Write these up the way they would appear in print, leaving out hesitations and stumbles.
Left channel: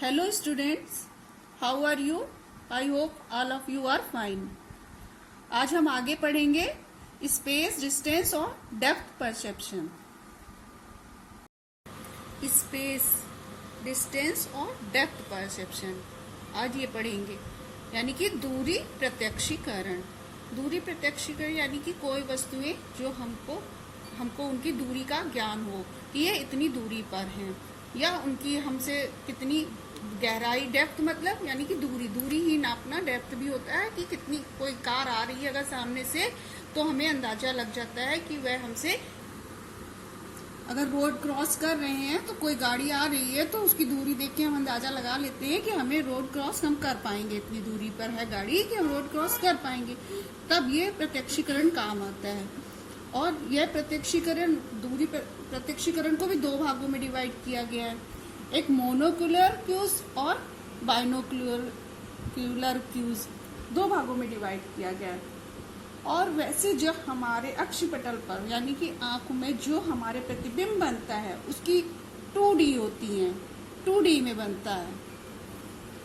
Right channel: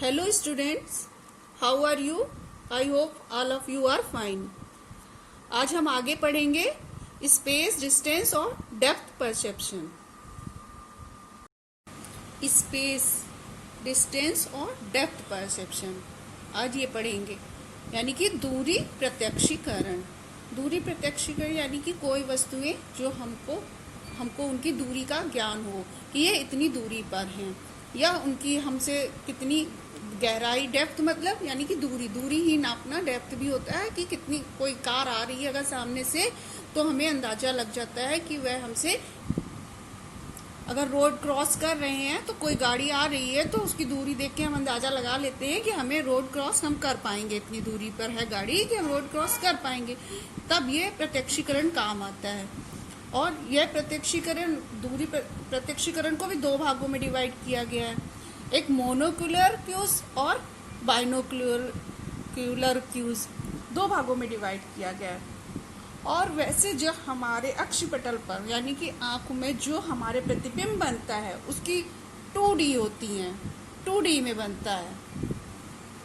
Hello students, how are you? I hope all of you are fine. आज हम आगे पढ़ेंगे स्पेस, डिस्टेंस और डेप्थ परसेप्शन। स्पेस, डिस्टेंस और डेप्थ परसेप्शन आज ये पढ़ेंगे, यानी कि दूरी प्रत्यक्षीकरण। दूरी प्रत्यक्षीकरण यानी कि कोई वस्तुएं जो हमको उनकी दूरी का ज्ञान हो कि ये इतनी दूरी पर हैं या उनकी हमसे कितनी गहराई। डेप्थ मतलब यानी कि दूरी ही नापना। डेप्थ भी होता है कि कितनी, कोई कार आ रही है अगर सामने से तो हमें अंदाजा लग जाता है कि वह हमसे, अगर रोड क्रॉस कर रहे हैं तो कोई गाड़ी आ रही है तो उसकी दूरी देख के हम अंदाजा लगा लेते हैं कि हमें रोड क्रॉस हम कर पाएंगे, इतनी दूरी पर है गाड़ी कि हम रोड क्रॉस कर पाएंगे। तब ये प्रत्यक्षीकरण काम आता है। और यह प्रत्यक्षीकरण, दूरी प्रत्यक्षीकरण को भी दो भागों में डिवाइड किया गया है, एक मोनोक्यूलर क्यूज और बाइनोक्यूलर क्यूज, दो भागों में डिवाइड किया गया है। और वैसे जो हमारे अक्षपटल पर यानी कि आंखों में जो हमारे प्रतिबिंब बनता है उसकी 2D होती है, 2D में बनता है।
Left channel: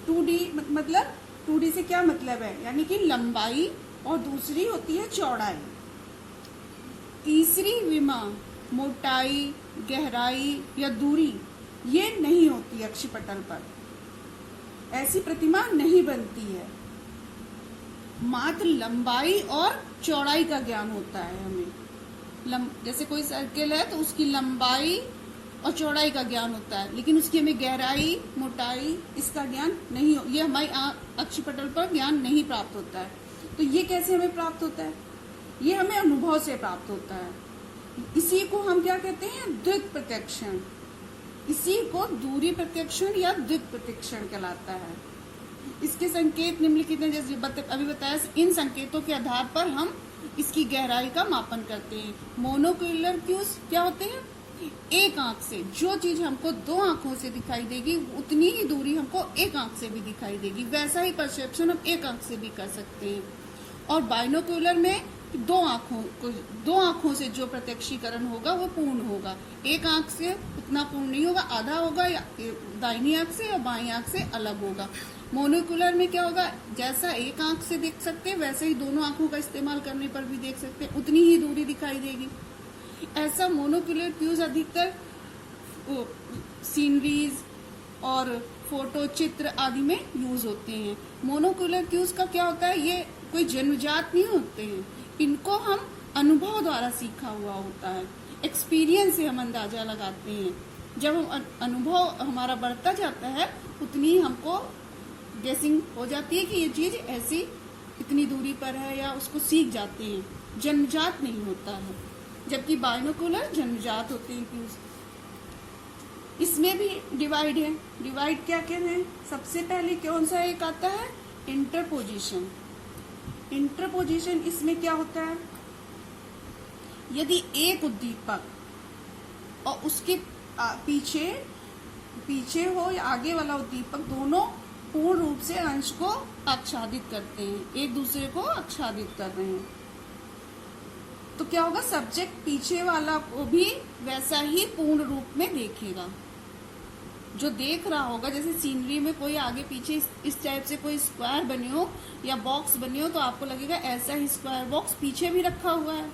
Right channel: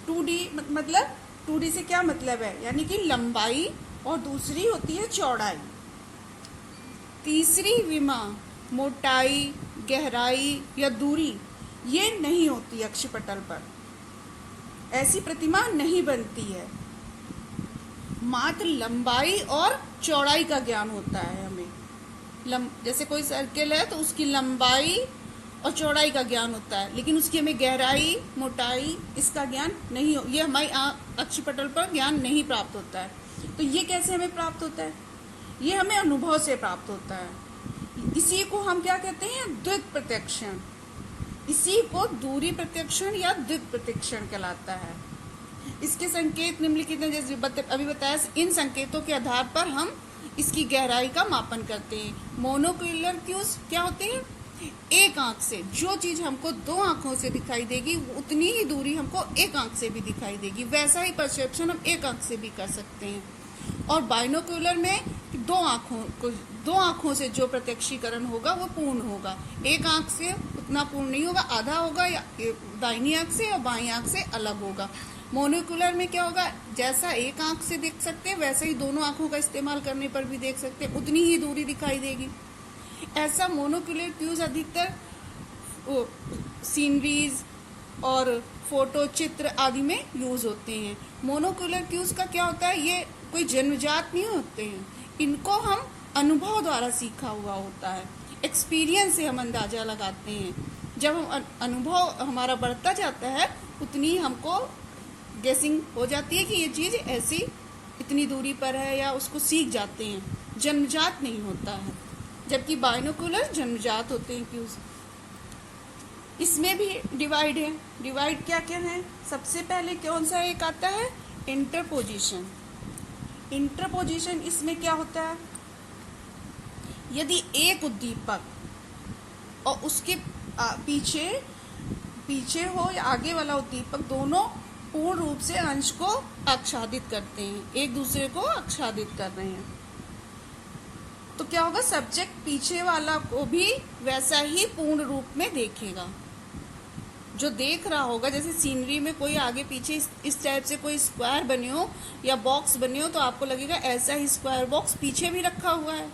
2D मतलब 2D से क्या मतलब है, यानी कि लंबाई, और दूसरी होती है चौड़ाई। तीसरी विमा, मोटाई, गहराई या दूरी, ये नहीं होती अक्षपटल पर, ऐसी प्रतिमा नहीं बनती है। मात्र लंबाई और चौड़ाई का ज्ञान होता है हमें। जैसे कोई सर्किल है तो उसकी लंबाई और चौड़ाई का ज्ञान होता है, लेकिन उसकी हमें गहराई, मोटाई, इसका ज्ञान नहीं, ये हमारी अक्षपटल पर ज्ञान नहीं प्राप्त होता है। तो ये कैसे हमें प्राप्त होता है? ये हमें अनुभव से प्राप्त होता है। इसी को हम क्या कहते हैं? द्विक प्रत्यक्षण। इसी को दूरी प्रत्यक्षण या द्विक प्रत्यक्षण कहलाता है। इसके संकेत निम्नलिखित हैं, जैसे अभी बताया। इन संकेतों के आधार पर हम इसकी गहराई का मापन करते हैं। मोनोक्यूलर क्यूज क्या होते हैं? एक आंख से जो चीज हमको दो आंखों से दिखाई देगी उतनी ही दूरी हमको एक आंख से भी दिखाई देगी। वैसा ही परसेप्शन हम एक आंख से भी कर सकते हैं। और बाइनोक्यूलर में दो आंखों से जो प्रत्यक्षीकरण होगा वो पूर्ण होगा। एक आंख से उतना पूर्ण नहीं होगा, आधा होगा, या दाहिनी आंख से और बाईं आंख से अलग होगा। मोनोक्यूलर में क्या होगा, जैसा एक आंख से देख सकते हैं वैसे ही दोनों आंखों का इस्तेमाल करने पर भी देख सकते हैं, उतनी ही दूरी दिखाई देगी। ऐसा मोनोक्यूलर क्यूज अधिकतर सीनरीज और फोटो, चित्र आदि में यूज होते हैं। मोनोक्यूलर क्यूज का क्या होता है, ये कोई जन्मजात नहीं होते हैं, इनको हम अनुभव द्वारा सीखा हुआ होता है। एक्सपीरियंस से हम अंदाजा लगाते हैं। जब हम अनुभव हमारा बढ़ता जाता है उतनी हमको गेसिंग हो जाती है कि ये चीज ऐसी इतनी दूरी पर है, या उसको सीख जाते हैं। जन्मजात नहीं होता है, जबकि बाइनोक्यूलर जन्मजात होते हैं क्यूज। इसमें भी डिवाइड है। डिवाइड क्या क्या है? सबसे पहले कौन सा एक आता है? इंटरपोजिशन। इंटरपोजिशन इसमें क्या होता है, यदि एक उद्दीपक और उसके पीछे हो या आगे वाला उद्दीपक दोनों पूर्ण रूप से अंश को आच्छादित करते हैं, एक दूसरे को आच्छादित कर रहे हैं, तो क्या होगा, सब्जेक्ट पीछे वाला को भी वैसा ही पूर्ण रूप में देखेगा जो देख रहा होगा। जैसे सीनरी में कोई आगे पीछे इस टाइप से कोई स्क्वायर बने हो या बॉक्स बने हो तो आपको लगेगा ऐसा ही स्क्वायर बॉक्स पीछे भी रखा हुआ है।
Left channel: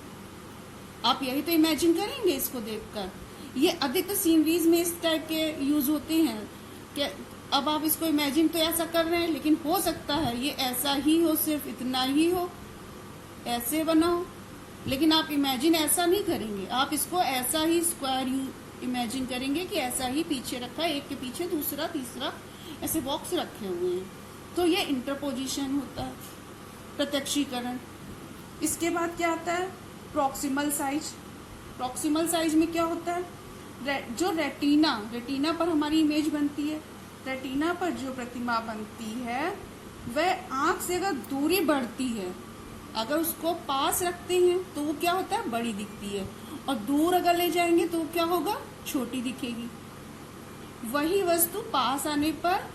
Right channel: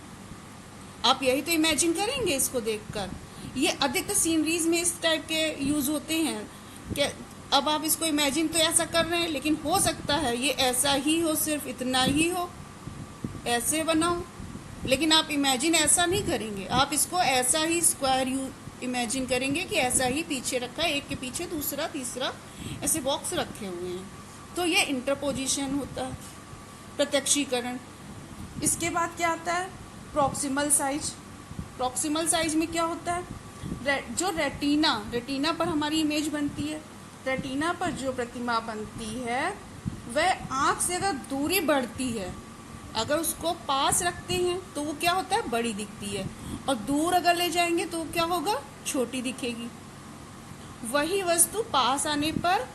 आप यही तो इमेजिन करेंगे इसको देखकर। ये अधिकतर सीनरीज में इस टाइप के यूज होते हैं कि अब आप इसको इमेजिन तो ऐसा कर रहे हैं, लेकिन हो सकता है ये ऐसा ही हो, सिर्फ इतना ही हो, ऐसे बना हो, लेकिन आप इमेजिन ऐसा नहीं करेंगे। आप इसको ऐसा ही स्क्वायर इमेजिन करेंगे कि ऐसा ही पीछे रखा है, एक के पीछे दूसरा तीसरा ऐसे बॉक्स रखे हुए हैं। तो ये इंटरपोजिशन होता है, प्रत्यक्षीकरण। इसके बाद क्या आता है? Proximal size. प्रॉक्सिमल साइज में क्या होता है, जो रेटिना पर हमारी इमेज बनती है, रेटिना पर जो प्रतिमा बनती है वह आंख से अगर दूरी बढ़ती है, अगर उसको पास रखते हैं तो वो क्या होता है, बड़ी दिखती है, और दूर अगर ले जाएंगे तो क्या होगा, छोटी दिखेगी। वही वस्तु पास आने पर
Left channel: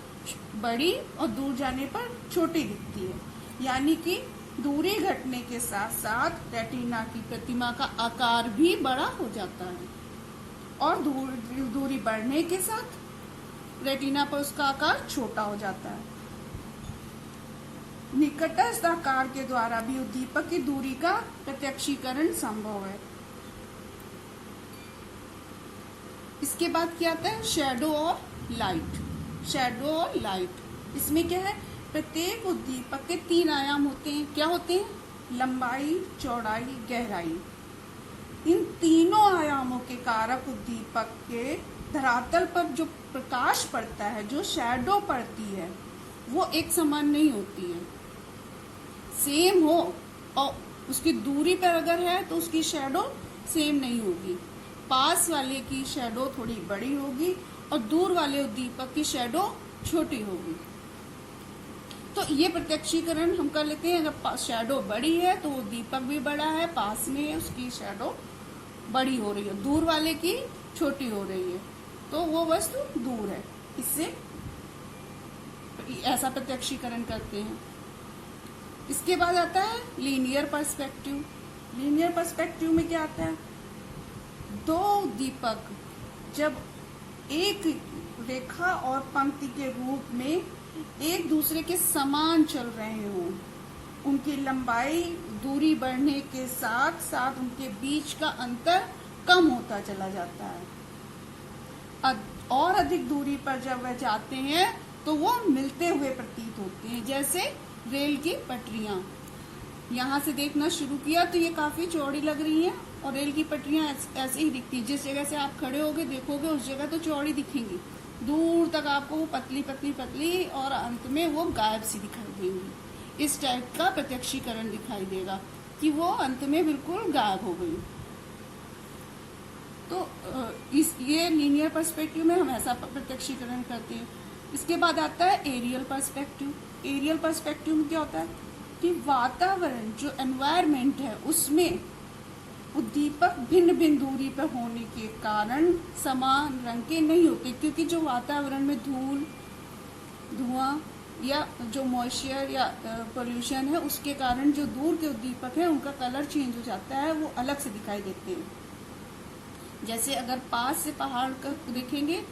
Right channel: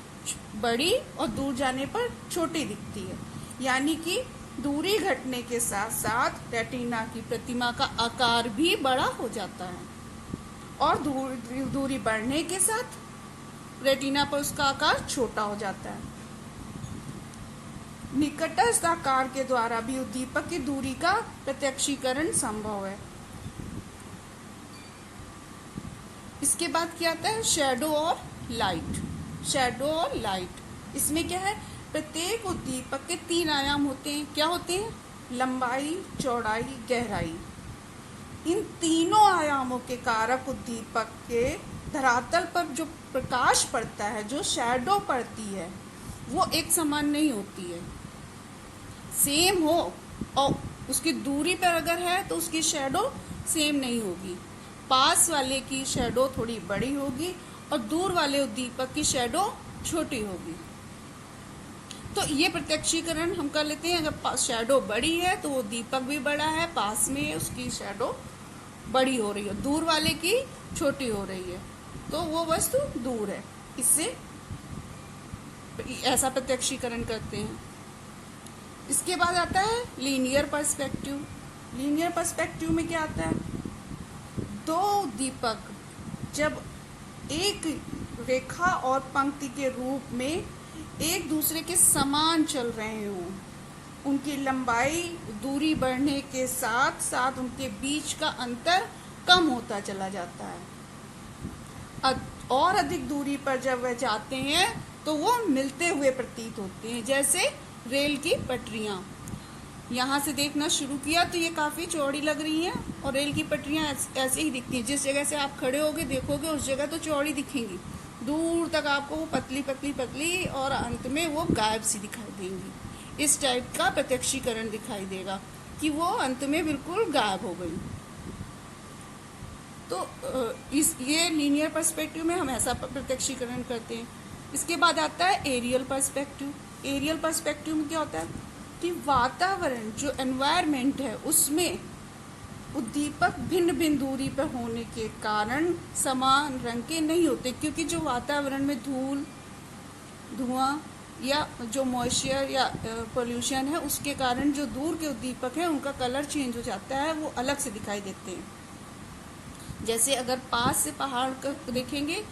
बड़ी और दूर जाने पर छोटी दिखती है। यानी कि दूरी घटने के साथ साथ रेटिना की प्रतिमा का आकार भी बड़ा हो जाता है, और दूरी बढ़ने के साथ रेटिना पर उसका आकार छोटा हो जाता है। निकटस्थ आकार के द्वारा भी उद्दीपक की दूरी का प्रत्यक्षीकरण संभव है। इसके बाद क्या आता है, शैडो और लाइट। शैडो और लाइट, इसमें क्या है, प्रत्येक उद्दीपक के 3 आयाम होते हैं। क्या होते हैं, लंबाई, चौड़ाई, गहराई। इन तीनों आयामों के कारक उद्दीपक के धरातल पर जो प्रकाश पड़ता है, जो शैडो पड़ती है, वो एक समान नहीं होती है। सेम हो और उसकी दूरी पर अगर है तो उसकी शैडो सेम नहीं होगी। पास वाले की शैडो थोड़ी बड़ी होगी और दूर वाले उद्दीपक की शैडो छोटी होगी। तो ये प्रत्यक्षीकरण हम कर लेते हैं। अगर शैडो बड़ी है तो वो दीपक भी बड़ा है, पास में है उसकी शैडो बड़ी हो रही है, दूर वाले की छोटी हो रही है, तो वो वस्तु दूर है। इससे ऐसा प्रत्यक्षीकरण करते हैं। इसके बाद आता है लीनियर पर्सपेक्टिव। लीनियर पर्सपेक्टिव में क्या आता है, दो दीपक जब एक रेखा और पंक्ति के रूप में एक दूसरे के समान चल रहे हों, उनकी लंबाई दूरी बढ़ने के साथ साथ उनके बीच का अंतर कम होता चला जाता है। और अधिक दूरी पर जब वह जाते हैं तो वो मिलते हुए प्रतीत होते हैं। जैसे रेल की पटरियां, यहाँ से देखना शुरू किया तो ये काफी चौड़ी लग रही हैं और रेल की पटरियां ऐसे ही दिखती हैं। जिस जगह से आप खड़े होगे देखोगे उस जगह तो चौड़ी दिखेंगी, दूर तक आपको वो पतली पतली पतली और अंत में वो गायब सी दिखाई देंगी। इस टाइप का प्रत्यक्षीकरण दिखाई देगा कि वो अंत में बिल्कुल गायब हो गई। तो ये लीनियर पर्सपेक्टिव में हम ऐसा प्रत्यक्षीकरण करते हैं। इसके बाद आता है एरियल पर्सपेक्टिव। एरियल पर्सपेक्टिव में क्या होता है कि वातावरण, जो एनवायरमेंट है, उसमें उद्दीपक भिन्न भिन्न दूरी पर होने के कारण समान रंग के नहीं होते, क्योंकि जो वातावरण में धूल, धुआं या जो मॉइस्चर या पोल्यूशन है, उसके कारण जो दूर के उद्दीपक है उनका कलर चेंज हो जाता है, वो अलग से दिखाई देते हैं। जैसे अगर पास से पहाड़ का देखेंगे,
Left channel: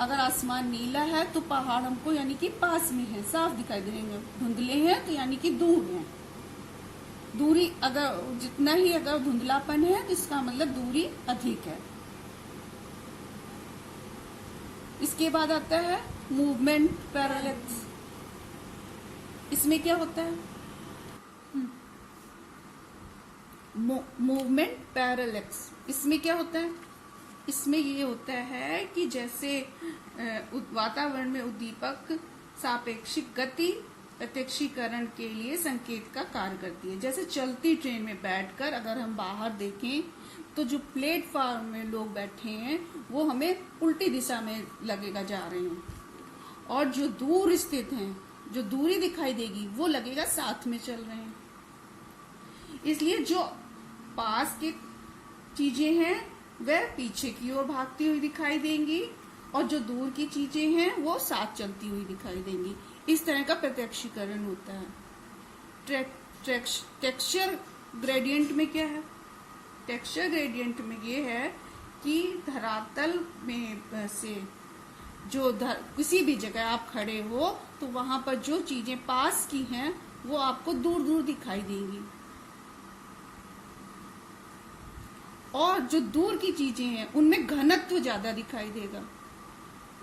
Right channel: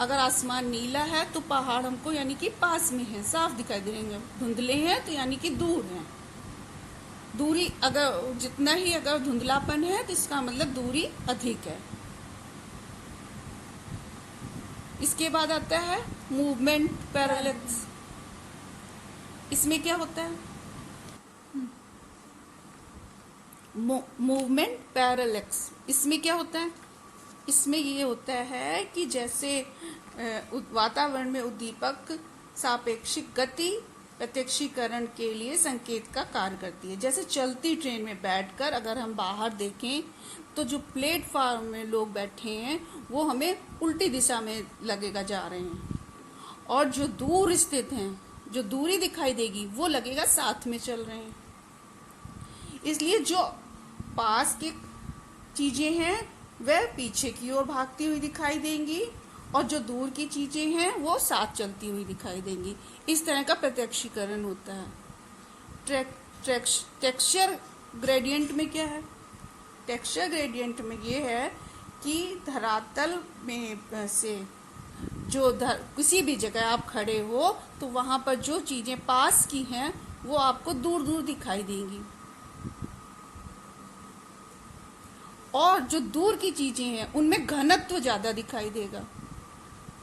अगर आसमान नीला है तो पहाड़ हमको यानी कि पास में है, साफ दिखाई देंगे। धुंधले हैं तो यानी कि दूर हैं। दूरी अगर जितना ही अगर धुंधलापन है तो इसका मतलब दूरी अधिक है। इसके बाद आता है मूवमेंट पैरेलैक्स। इसमें क्या होता है, मूवमेंट पैरेलैक्स, इसमें क्या होता है, इसमें ये होता है कि जैसे वातावरण में उद्दीपक सापेक्षिक गति प्रत्यक्षीकरण के लिए संकेत का कार्य करती है। जैसे चलती ट्रेन में बैठकर अगर हम बाहर देखें तो जो प्लेटफॉर्म में लोग बैठे हैं वो हमें उल्टी दिशा में लगेगा जा रहे हैं, और जो दूर स्थित हैं, जो दूरी दिखाई देगी वो लगेगा साथ में चल रहे हैं। इसलिए जो पास के चीजें हैं वह पीछे की ओर भागती हुई दिखाई देंगी और जो दूर की चीजें हैं वो साथ चलती हुई दिखाई देंगी। इस तरह का प्रत्यक्षीकरण होता है। टेक्सचर ग्रेडियंट में क्या है, टेक्सचर ग्रेडियंट में ये है कि धरातल में से जो किसी भी जगह आप खड़े हो तो वहां पर जो चीजें पास की हैं वो आपको दूर दूर दिखाई देंगी, और जो दूर की चीजें हैं उनमें घनत्व ज्यादा दिखाई देगा।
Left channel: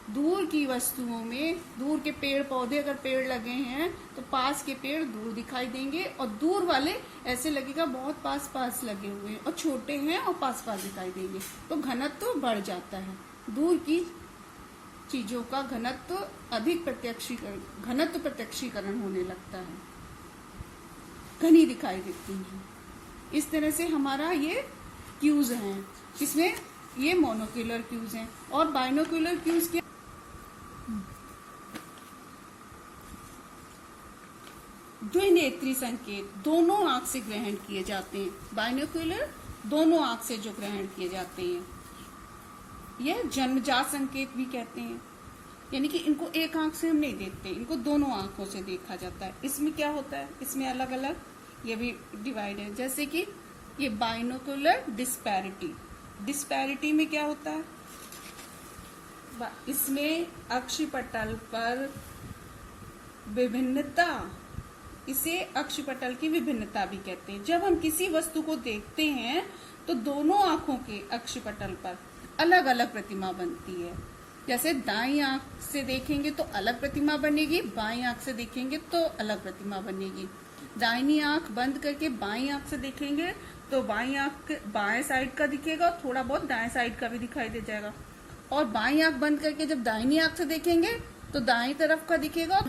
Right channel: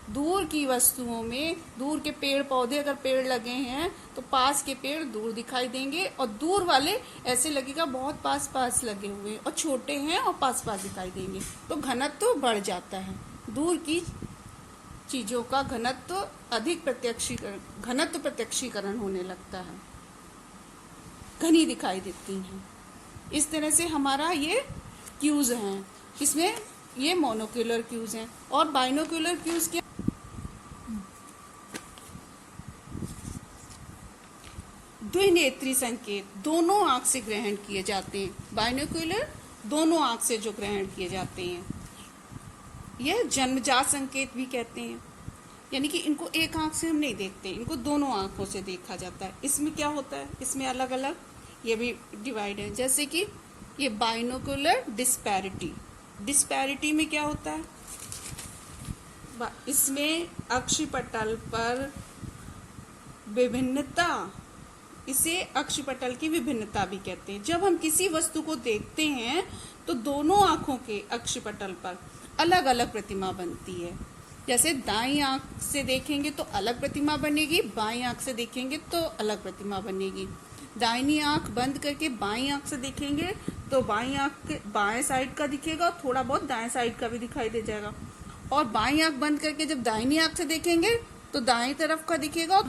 दूर की वस्तुओं में, दूर के पेड़ पौधे अगर पेड़ लगे हैं तो पास के पेड़ दूर दिखाई देंगे, और दूर वाले ऐसे लगेगा बहुत पास पास लगे हुए हैं, और छोटे हैं और पास पास दिखाई देंगे, तो घनत्व बढ़ जाता है। दूर की चीजों का घनत्व अधिक प्रत्यक्षीकरण होने लगता है, घनी दिखाई देती है। इस तरह से हमारा ये क्यूज हैं, इसमें ये मोनोक्यूलर क्यूज हैं। और बाइनोक्यूलर क्यूज क्या, द्विनेत्री संकेत दोनों आंख से ग्रहण किए जाते हैं। बाइनोक्यूलर दोनों आंख से जो ग्रहण किए जाते हैं, ये जन्मजात संकेत भी कहते हैं, यानी कि इनको एक आंख से हम नहीं देखते, इनको दोनों आंखों से देखा जाता है। इसमें क्या होता है, इसमें अलग अलग ये भी डिवाइड है। जैसे कि ये बाइनोक्यूलर डिस्पैरिटी, डिस्पैरिटी में क्या होता है, इसमें अक्षपटल पर विभिन्नता, इसे अक्षपटल की विभिन्नता भी कहते हैं। जब हम किसी वस्तु को देखते हैं तो दोनों आंखों के अक्षपटल पर अलग अलग प्रतिमा बनती है। जैसे दाईं आंख से देखेंगे तो अलग प्रतिमा बनेगी, बाईं आंख से देखेंगे तो अलग प्रतिमा बनेगी। दाहिनी आंख बंद करके बाईं आंख से देखेंगे तो बाईं आंख बाएं साइड का दिखेगा, थोड़ा बहुत दाएं साइड का भी दिखाई दे जाएगा। और बाईं आंख बंद करके जब दाहिनी आंख से देखेंगे तो दाईं तरफ का दिखेगा।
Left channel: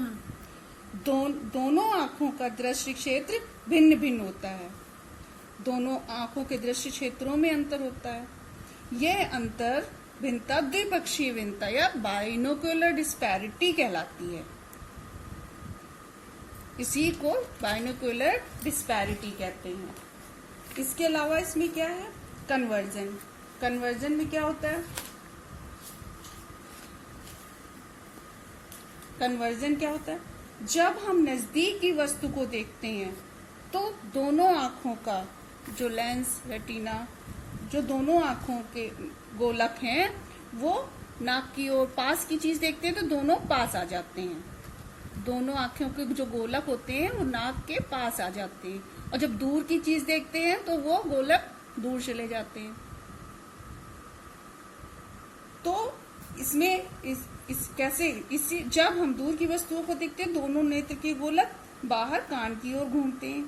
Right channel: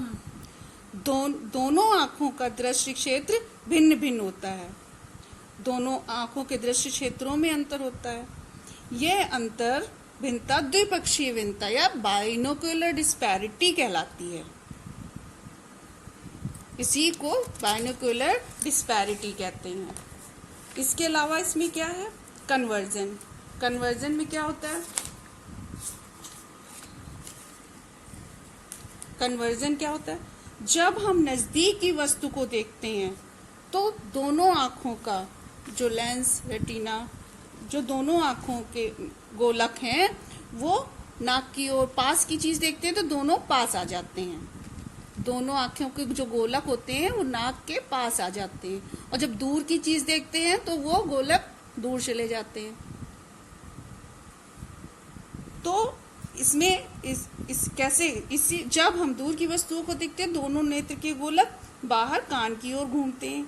दोनों आंखों का दृष्टि क्षेत्र भिन्न भिन्न होता है। दोनों आंखों के दृष्टि क्षेत्रों में अंतर होता है। यह अंतर भिन्नता द्विपक्षीय भिन्नता या बाइनोक्यूलर डिस्पैरिटी कहलाती है। इसी को बाइनोक्यूलर डिस्पैरिटी कहते हैं। इसके अलावा इसमें क्या है, कन्वर्जन। कन्वर्जन में क्या होता है, कन्वर्जन क्या होता है, जब हम नजदीक की वस्तु को देखते हैं तो दोनों आंखों का जो लेंस, रेटिना, जो दोनों आंखों के गोलक हैं वो नाक की ओर, पास की चीज देखते हैं तो दोनों पास आ जाते हैं। दोनों आंखों के जो गोलक होते हैं वो नाक के पास आ जाते हैं, और जब दूर की चीज देखते हैं तो वो गोलक दूर चले जाते हैं। तो इसमें इसी जब हम दूर की वस्तुओं को देखते हैं दोनों नेत्र के गोलक बाहर कान की ओर घूमते हैं।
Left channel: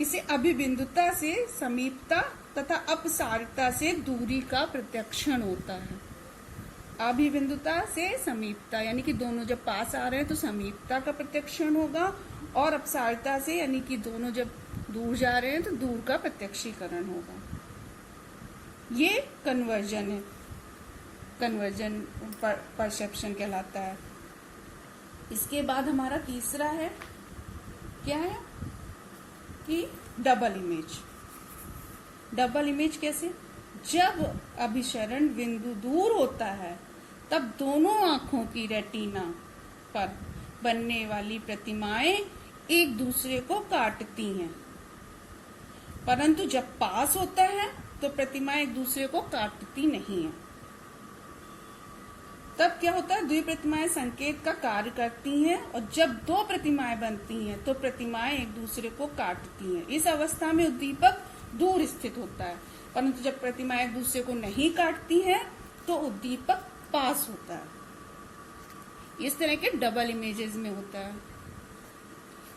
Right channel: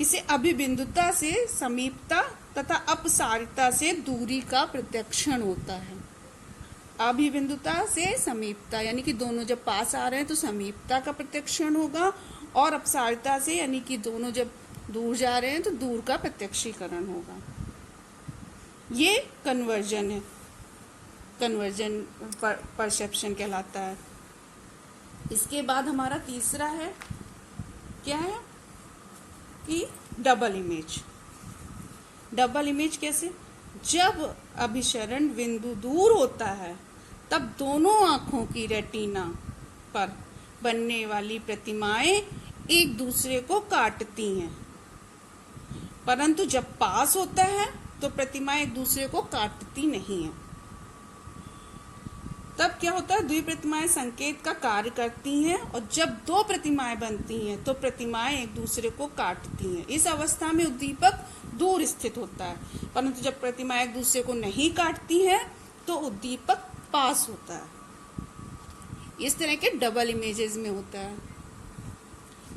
इसे अभिबिंदुता से समीपता तथा अपसारिता से दूरी का प्रत्यक्षण होता है। अभिबिंदुता से समीपता यानी कि दोनों जब पास आ रहे हैं तो समीपता का प्रत्यक्षण होगा, और अपसारिता से यानी कि दोनों जब दूर जा रहे हैं तो दूर का प्रत्यक्षीकरण होगा। ये कन्वर्जन है, कन्वर्जन परसेप्शन कहलाता है। इसके बाद हमारा तीसरा है, क्या है कि डबल इमेज। डबल इमेज कैसे, जब अभिसरण बिंदु दूर होता है तब दोनों आंखों की रेटिना पर बनने वाली प्रतिमाएं एक दूसरे को काटती हैं, परंतु जब पास होता है तो प्रतिमाएं एक दूसरे को काटती नहीं है। तब क्या होता है, द्वि प्रतिमाएं संकेत का कार्य करती हैं, और जब दो प्रतिमाएं बनती हैं तो प्रतिमाएं एक दूसरे को काटती हैं। इस अवस्था में उद्दीपक दूर स्थित होता है, परंतु जब प्रतिमाएं एक दूसरे को नहीं काटती हैं तो उद्दीपक पास होता है। इस तरह के डबल इमेजेस में होता है।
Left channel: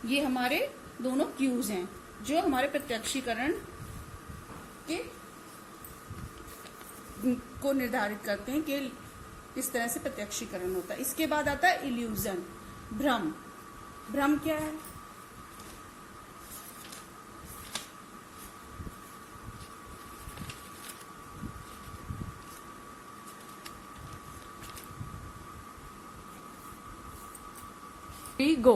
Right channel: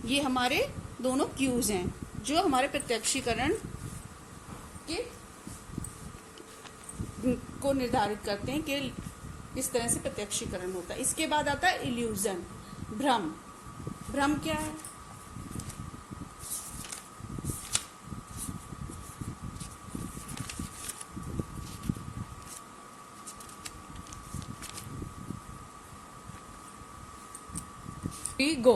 ये हमारे दोनों क्यूज हैं जो हमारे प्रत्यक्षीकरण के को निर्धारित करते हैं कि इस तरह से प्रत्यक्षीकरण होता है। इसके बाद आता है इल्यूजन, भ्रम। भ्रम क्या है, गो।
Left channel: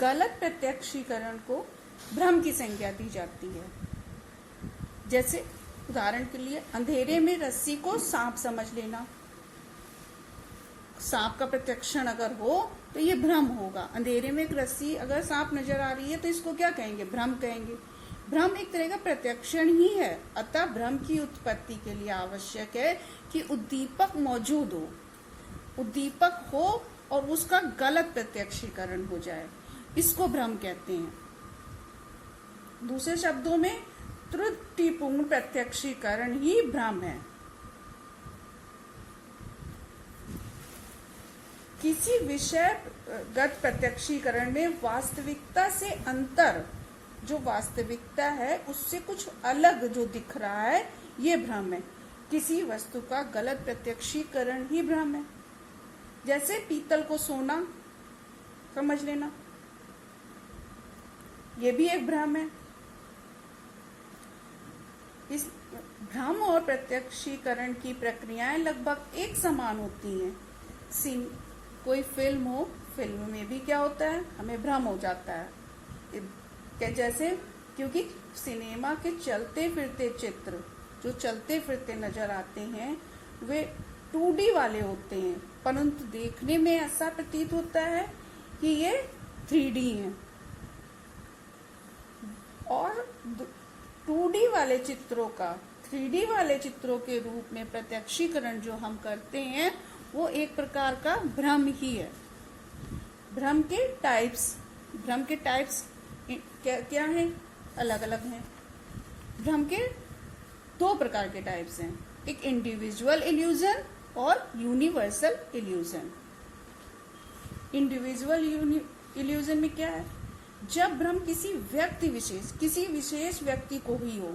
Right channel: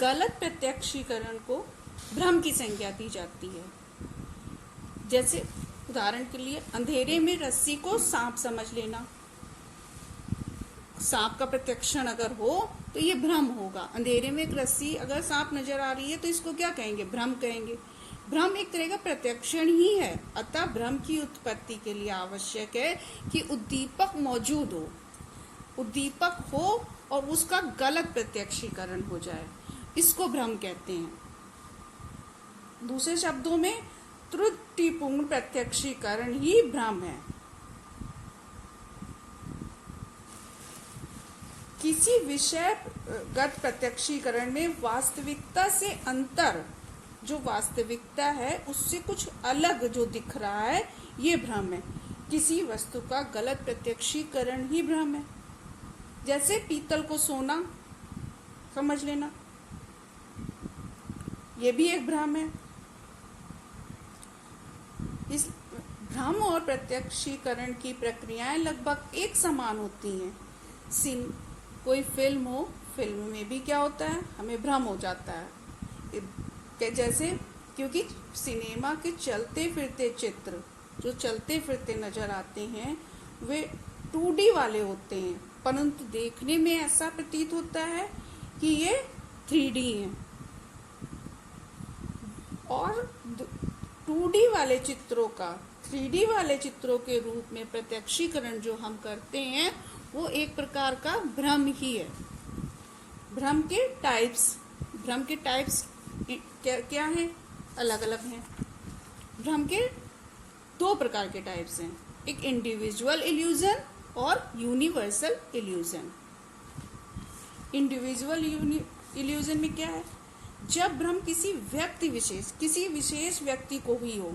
गलत प्रत्यक्षीकरण को भ्रम की संज्ञा दी जाती है। जैसे उदाहरण के लिए अंधेरे में रस्सी को सांप समझ लेना। सांप का प्रत्यक्षण अगर हो तो ये भ्रम होगा। अंधेरे में एक रस्सी अगर सांप नजर आ रही है तो इसको क्या कहेंगे, भ्रम कहेंगे। भ्रम एक तरह का प्रत्यक्षण ही है, अतः भ्रम की उत्पत्ति के लिए आवश्यक है कि उद्दीपक मौजूद हो, उद्दीपक हो और उसका गलत प्रत्यक्षीकरण हो जाए, इसको भ्रम कहते हैं। दूसरे शब्दों में त्रुटिपूर्ण प्रत्यक्षीकरण ही भ्रम है। किसी विषयगत प्रत्यक्षीकरण में वास्तविकता से अंतर, जो वास्तविकता है उससे कुछ अलग जो दिख रहा है, ये भ्रम है। किसी वस्तु का गलत प्रत्यक्षीकरण ही भ्रम है। जैसे पीतल को सोना समझ लेना, ये भी एक भ्रम है। इस भ्रम और प्रत्यक्षीकरण की प्रक्रियाएं लगभग एक समान होती हैं। कोई फिल्म हो, फिल्म में भी क्या होता है, हमें भ्रम हो जाता है। जैसे क्योंकि सिनेमा के चलते फिरते चित्र जो चलते फिरते नजर आते हैं वे 2D वाले होते हैं, परंतु देखने में ऐसा प्रतीत होता है कि ये 3D हैं। और 2D वाले चित्रों का 3D वाले चित्रों के रूप में प्रत्यक्षीकरण जो हम करते हैं वो एक प्रकार का भ्रम ही है। भ्रम के टाइप्स क्या क्या हैं? अलग अलग हैं। भ्रम के दो प्रकार के टाइप्स हैं, एक इंडिविजुअल इल्यूजन और यूनिवर्सल इल्यूजन। इंडिविजुअल इल्यूजन में क्या है? जब भ्रम किसी विशेष व्यक्ति को ही हो,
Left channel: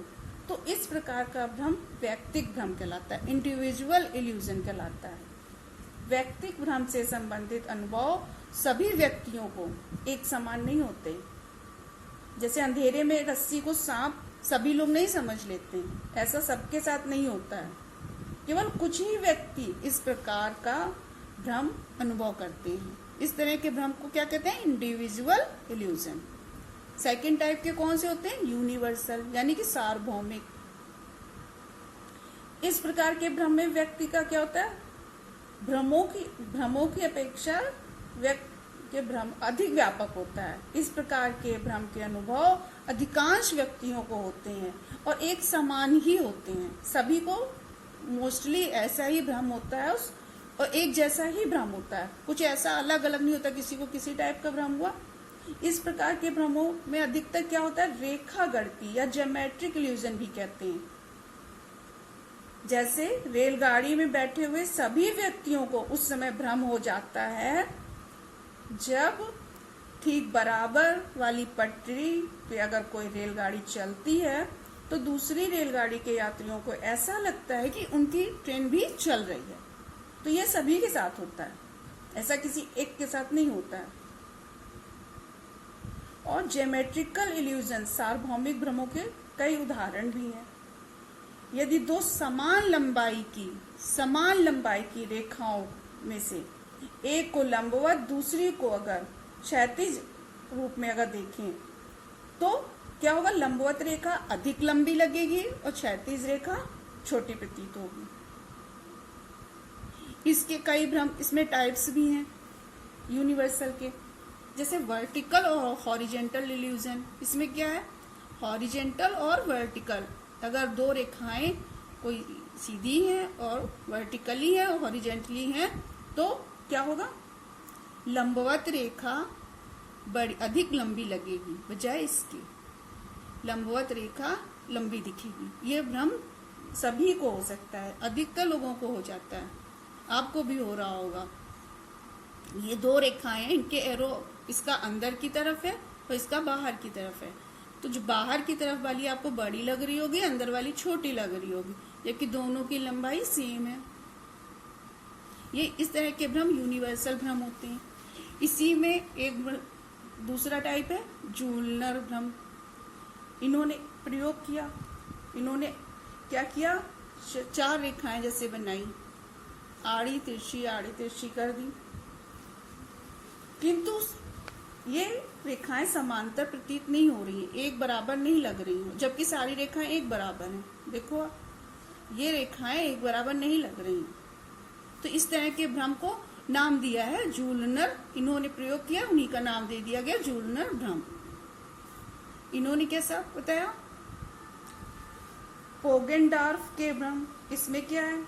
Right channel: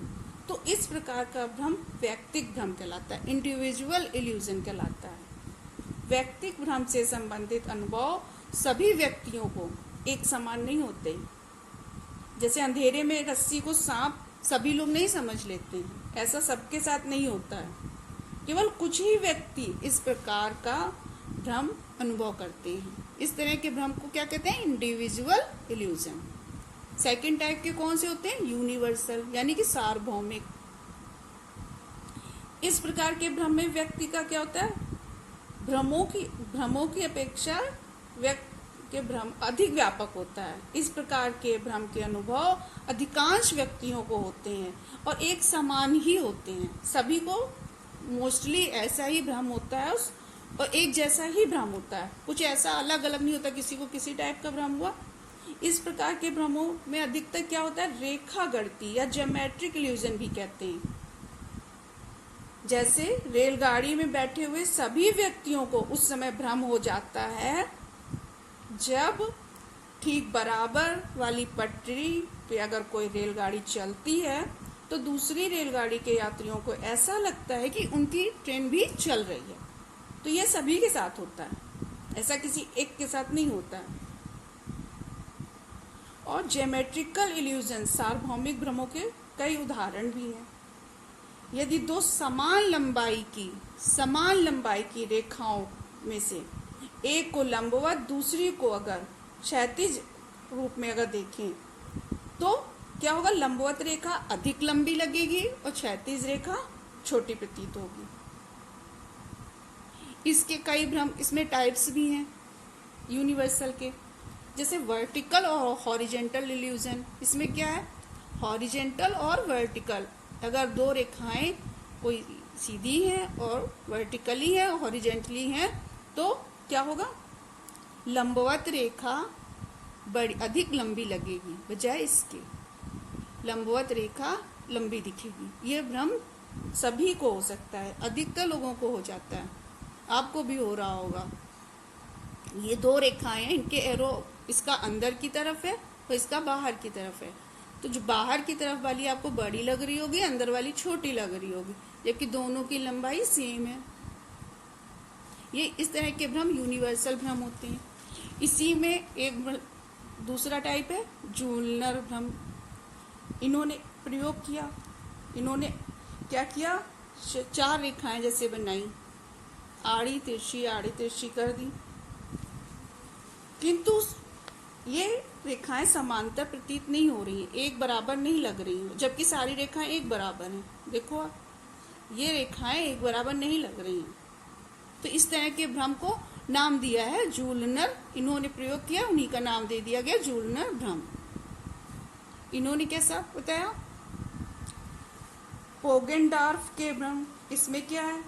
तो इस प्रकार का भ्रम व्यक्तिक भ्रम कहलाता है, इंडिविजुअल इल्यूजन कहलाता है। व्यक्तिक भ्रम से संबंधित अनुभव सभी व्यक्तियों को एक समान नहीं होते। जैसे अंधेरे में रस्सी को सांप सभी लोग नहीं समझ लेते हैं, ऐसा सबके साथ नहीं होता है। केवल कुछ ही व्यक्ति इस प्रकार का भ्रम अनुभव करते हैं। इस तरह के भ्रम को क्या कहते हैं? Individual illusion. सेकंड टाइप के कौन से होते हैं? यूनिवर्सल, यानी कि सार्वभौमिक। इस प्रकार के भ्रम में व्यक्ति का क्या होता है? भ्रमों की अपेक्षा व्यक्ति के भ्रम अधिक व्यापक होता है। इस प्रकार के भ्रम के अनुभव अधिकांश व्यक्तियों को होते हैं और एक समान ही होते हैं। सभी को मोस्टली ऐसा ही भ्रम होता है और एक जैसा ही भ्रम होता है, कुछ ऐसा अलग अलग नहीं होता। किसी को किसी टाइप का भ्रम हुआ। इस प्रकार के भ्रमों में अधिकतर क्या होता है? रेखा गणती या ज्योमेट्रिक इल्यूजन भी कहते हैं। जैसे रेलगाड़ी में बैठे हुए सभी व्यक्तियों को उस समय भ्रम हो जाता है जब ठीक बराबर वाली पटरी पे अगर कोई रेलगाड़ी चलती है तो दूसरी रेलगाड़ी के यात्रियों को ऐसा लगता है कि उनकी ट्रेन भी चल रही है। तो ये सभी के साथ होता है, ऐसा किसी एक के साथ नहीं होता है। और ज्योमेट्रिकल इल्यूजन सार्वभौमिक भ्रमों के कई उदाहरण भी हैं। यदि दो समान लंबाई की रेखाओं में से एक को लंबवत दूसरी को अगर क्षैतिज रूप में अगर देखें तो क्या होगा? लंबवत रेखा अधिक लंबी लगेगी और क्षैतिज रेखा छोटी प्रतीत होगी। इसके कई भ्रम इसमें टाइप्स भी हैं यूनिवर्सल के, जैसे वर्टिकल और हॉरिजेंटल इल्यूजन। इसमें क्या है? हॉरिजेंटल और वर्टिकल, अगर दो रेखाएं कोई सीधी है और वर्टिकली है और हॉरिजेंटली है तो क्या होगा? लंबवत रेखा बड़ी अधिक लंबी लगेगी बजाय इसके, लंबवत रेखा लंबी दिखेगी। यह भ्रम सभी को हो सकता है, अधिकतर लोगों को हो जाता है, आपको भी हो रहा होगा। ये दो रेखाएं, इनके एरो इसका अंदर की तरफ है और इसका बाहर की तरफ है। तो जो बाहर की तरफ वाली आपको बड़ी लग रही होगी, अंदर वाली छोटी लग रही होगी, जबकि दोनों की लंबाई सेम है। ये इस तरह के भ्रम यूनिवर्सल भ्रम होते हैं। इसी में एक दूसरा टाइप है जूलनर भ्रम। इन्होंने प्रयोग किया, इन्होंने क्या किया? चार रेखाएं जैसे बनाई, आड़ी तिरछी कर दी, किंतु ये रेखाएं समांतर प्रतीत नहीं हो रही, एक बराबर नहीं लग रही हैं, जबकि सारी रेखाएं एक बराबर हैं। देखो ये रेखाएं एक बराबर नहीं लग रही हैं। तो इस तरह के भ्रम को नाम दिया है जूलनर। इन्होंने प्रयोग किया, उन्हीं का नाम दे दिया गया जूलनर भ्रम। इन्होंने कैसा बताया? पोगेनडॉर्फ के भ्रम। इसमें क्या है?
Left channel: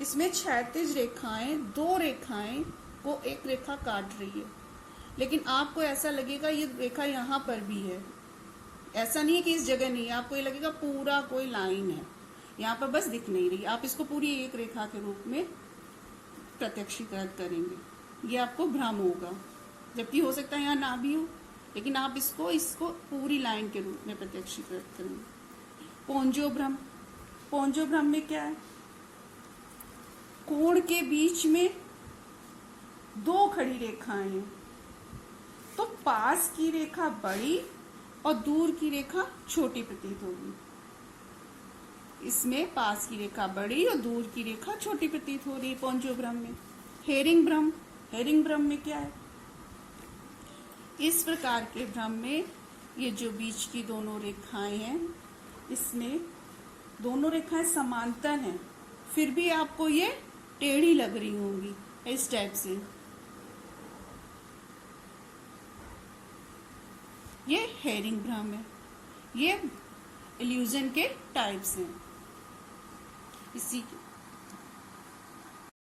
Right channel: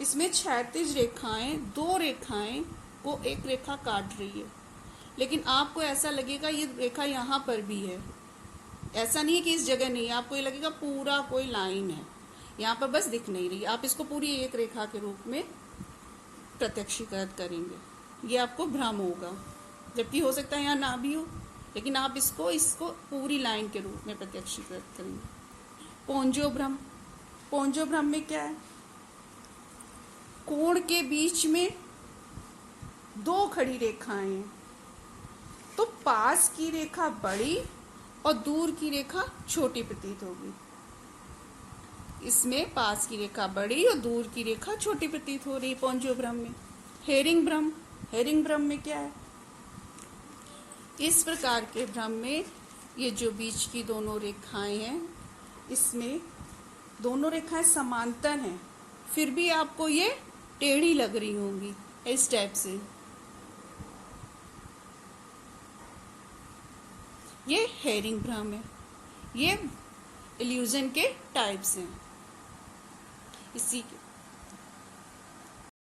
इसमें क्षैतिज रेखाएं, दो रेखाएं को एक रेखा काट रही है, लेकिन आपको ऐसा लगेगा ये रेखा यहाँ पर भी है। ऐसा नहीं कि इस जगह नहीं है, आपको ये लगेगा पूरा कोई लाइन है, यहाँ पर बस दिख नहीं रही। आप इसको पूरी एक रेखा के रूप में प्रत्यक्षीकृत करेंगे, ये आपको भ्रम होगा। जबकि हो सकता है यहाँ ना भी हो, लेकिन आप इसको पूरी लाइन के रूप में प्रत्यक्षीकृत करेंगे। पोंजो भ्रम में क्या है? कोण के बीच में दो खड़ी रेखाएं हैं, तो पास की रेखा बड़ी और दूर की रेखा छोटी प्रतीत होगी। इसमें पास की रेखा बड़ी और दूर की रेखा छोटी प्रतीत हो रही पोंजो भ्रम में। हेरिंग भ्रम में क्या है? इस प्रकार के भ्रम में ये जो बीच की दोनों रेखाएं हैं, इसमें दोनों रेखाएं समांतर हैं, फिर भी आपको ये टेढ़ी लग रही होंगी इस टाइप से। ये हेरिंग भ्रम है। ये इल्यूजन के टाइप्स हैं। इसी